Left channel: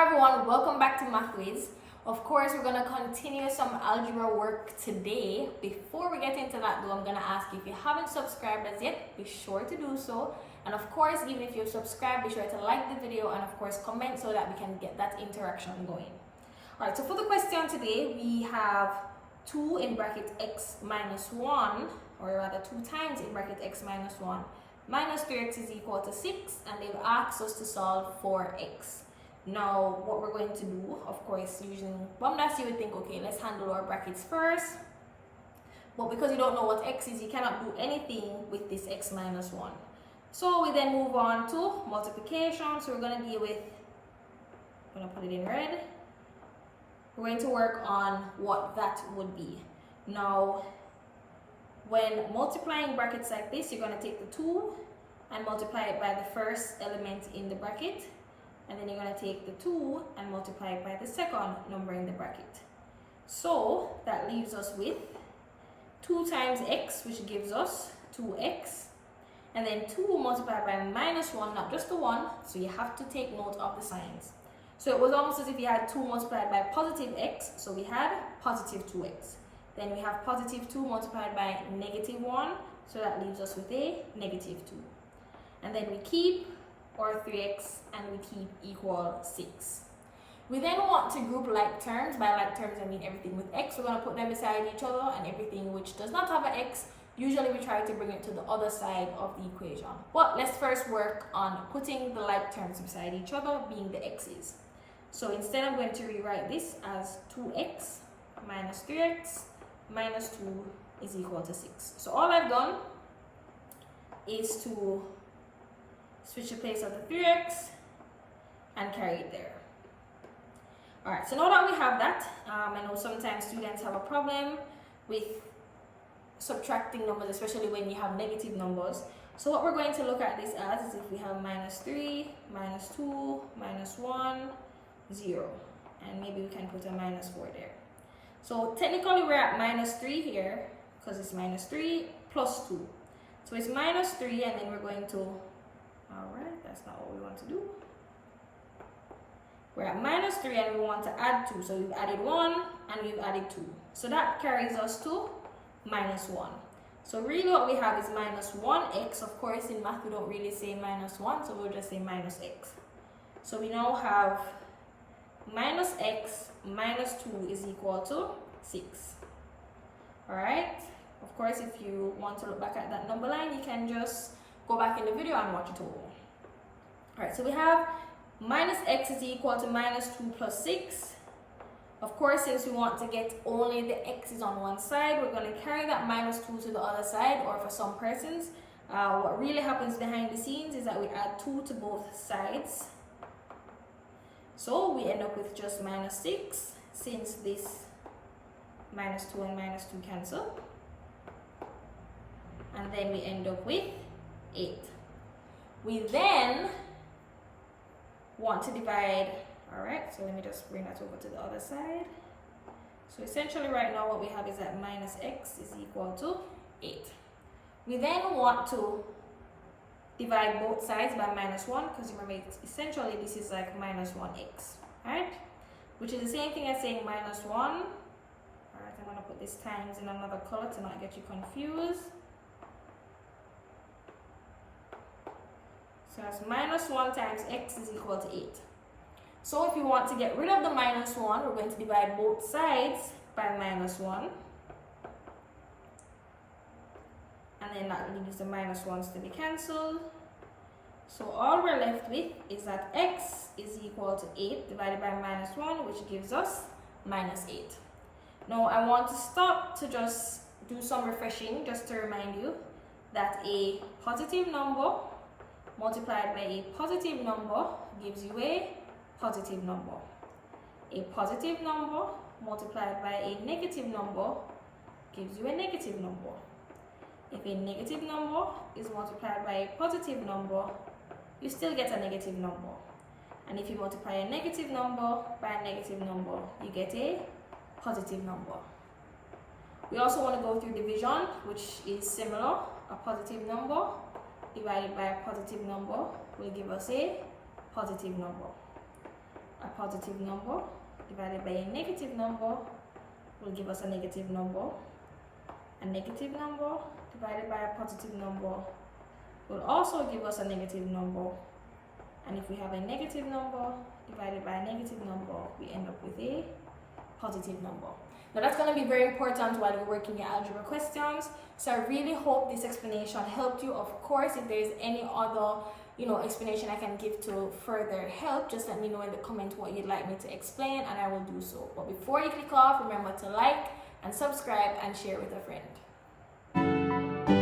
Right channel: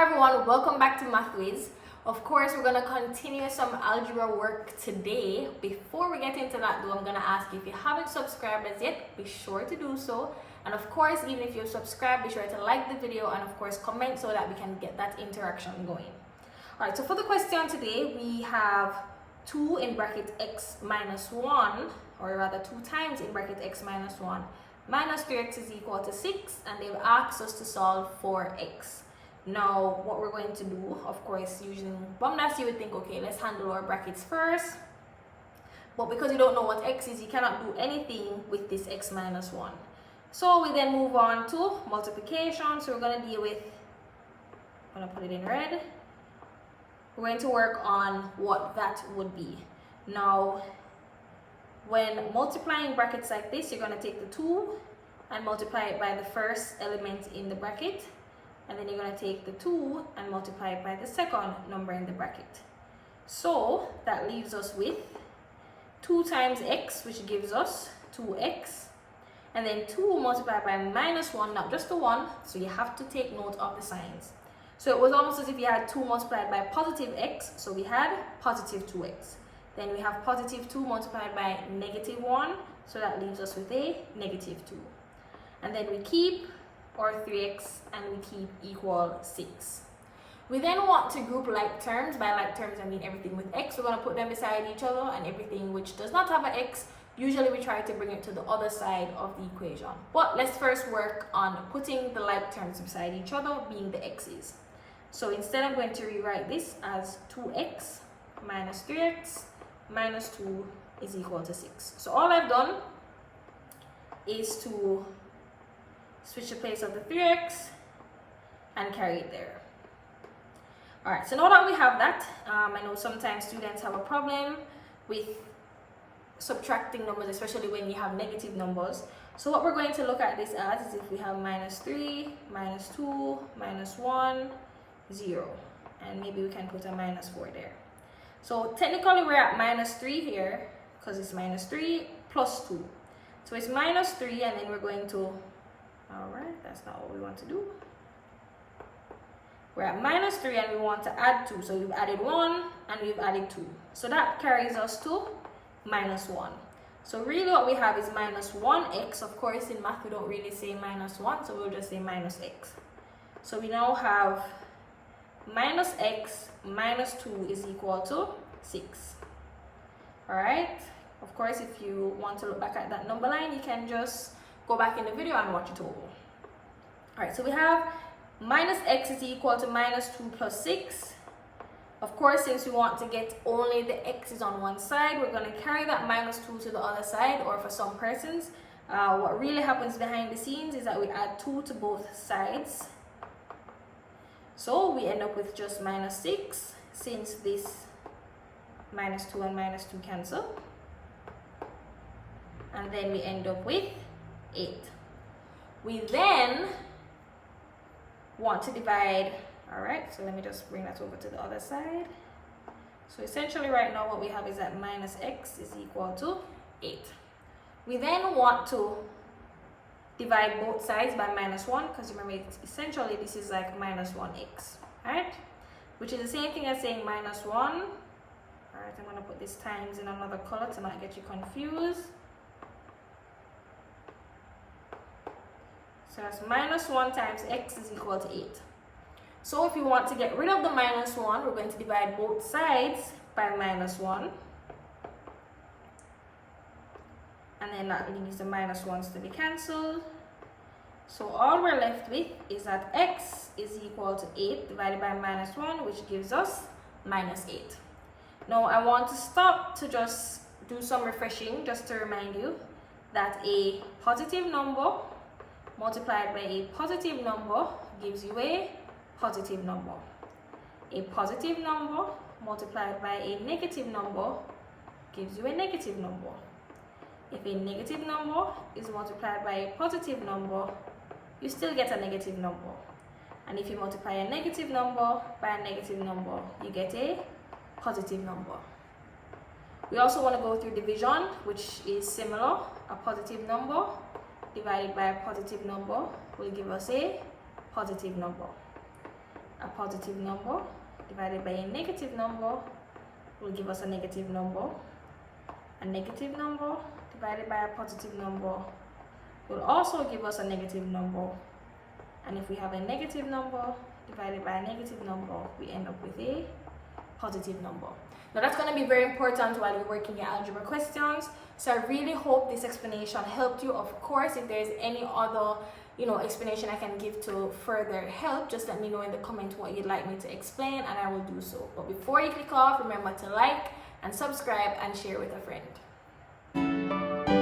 Hi everyone, welcome back to MathWiz. Of course, we're gonna continue some algebra work today. Before we get into that though, I'm gonna ask you, if you haven't subscribed as yet, be sure to do so. And of course, even if you've subscribed, be sure to like the video and of course comment so that we can get that interaction going. All right, so for the question today, we have 2 in bracket x minus 1, or rather 2 times in bracket x minus 1 minus 3x is equal to 6, and they've asked us to solve for x. Now, what we're going to do, of course, using BOMDAS, you would think, okay, let's handle our brackets first. But because you don't know what x is, you cannot do anything with this x minus 1. So we then move on to multiplication. So we're going to deal with, I'm going to put it in red. We're going to work on what that would be. Now, when multiplying brackets like this, you're going to take the 2 and multiply it by the first element in the bracket. And then you're going to take the 2 and multiply it by the second number in the bracket. So that leaves us with 2 times x, which gives us 2x. And then 2 multiplied by minus 1, not just the 1. So you have to take note of the signs. So it was almost as if you had 2 multiplied by positive x. So we had positive 2x. Then we have positive 2 multiplied by negative 1. So that leaves us with a negative 2. And then we keep our 3x and we keep equal 6. We then want to group like terms. By like terms, I mean everything with x. We're going to put them beside each other, and everything which does not have an x, usually we try to bring it to the other side of the equation. But let's first work on putting the like terms beside each other, being the x's. So instead, I'm going to rewrite this as 2x minus 3x minus 2 is equal to 6. So all I've done is to switch the place of the 3x and carry it there. All right, so now that we have that, I know sometimes students have a problem with subtracting numbers, especially when you have negative numbers. So what we're going to look at this as is if we have minus 3, minus 2, minus 1, 0. And maybe we can put a minus 4 there. So technically we're at minus 3 here because it's minus 3 plus 2. So it's minus 3, and then we're going to, all right, that's not what we want to do. We're at minus 3 and we want to add 2. So we've added 1 and we've added 2. So that carries us to minus 1. So really what we have is minus 1x. Of course, in math, we don't really say minus 1, so we'll just say minus x. So we now have minus x minus 2 is equal to 6. All right. Of course, if you want to look back at that number line, you can just go back in the video and watch it over. All right, so we have minus x is equal to minus 2 plus 6. Of course, since we want to get only the x's on one side, we're going to carry that minus 2 to the other side, or for some persons, what really happens behind the scenes is that we add 2 to both sides. So we end up with just minus 6, since this minus 2 and minus 2 cancel. And then we end up with 8. We then want to divide. All right, so let me just bring that over to the other side. So essentially right now what we have is that minus x is equal to 8. We then want to divide both sides by minus 1, because remember, essentially this is like minus 1x, right? Which is the same thing as saying minus 1. All right, I'm going to put this times in another color to not get you confused. So that's minus 1 times x is equal to 8. So if you want to get rid of the minus 1, we're going to divide both sides by minus 1. And then that leaves the minus 1s to be cancelled. So all we're left with is that x is equal to 8 divided by minus 1, which gives us minus 8. Now I want to stop to just do some refreshing, just to remind you that a positive number multiplied by a positive number gives you a positive number. A positive number multiplied by a negative number gives you a negative number. If a negative number is multiplied by a positive number, you still get a negative number. And if you multiply a negative number by a negative number, you get a positive number. We also want to go through division, which is similar. A positive number divided by a positive number will give us a positive number. a positive number divided by a negative number will give us a negative number. A negative number divided by a positive number will also give us a negative number. And if we have a negative number divided by a negative number, we end up with a positive number. Now that's going to be very important while you're working your algebra questions. So I really hope this explanation helped you. Of course, if there's any other explanation I can give to further help, just let me know in the comment what you'd like me to explain and I will do so. But before you click off, remember to like and subscribe and share with a friend.